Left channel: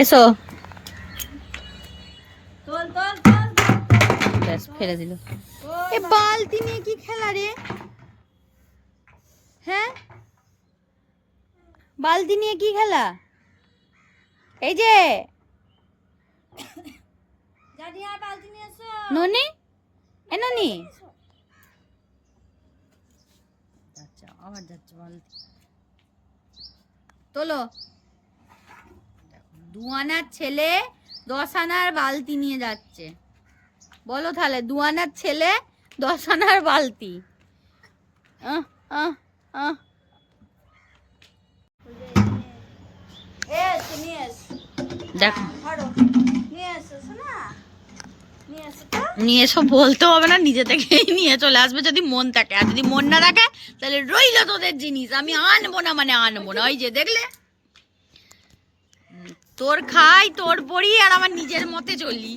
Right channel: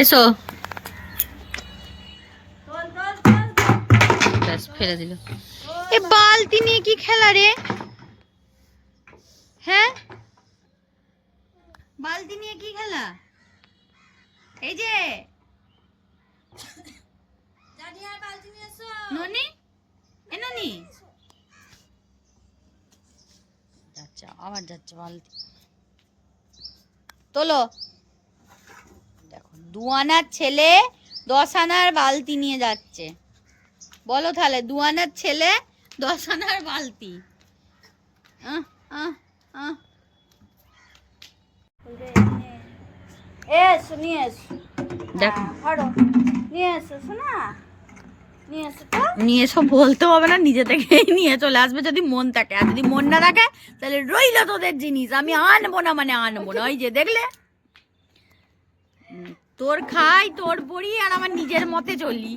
এসো। ব্যাস ফেলে দিল। এ বালতি নিয়ে কি খেলা রে? হ্যাঁ, বালতি নিয়ে কি খেলা? এই যে ননি, এ ননি যাচ্ছে, আবার যাচ্ছে বালতি। তোলো। দেখো 2 আনার ছেলে 10 আনার বালতি নিয়ে যাচ্ছে। বলো তাহলে 2 আনার ছেলে 10 আনার বালতি। আহ আহ আহ দেখো, নিয়ে এসো বলতে হবে না, নিজে থেকেই নিয়ে চলে আসবে যদি মন থাকে। আর যদি মন না থাকে তাহলে রইল তোদের জিনিস, আমি আনবো না মানে আনবো না। ওই যে দেখলে, তোর খাই তোর পড়ি আর আমার নিজের মতে চলি।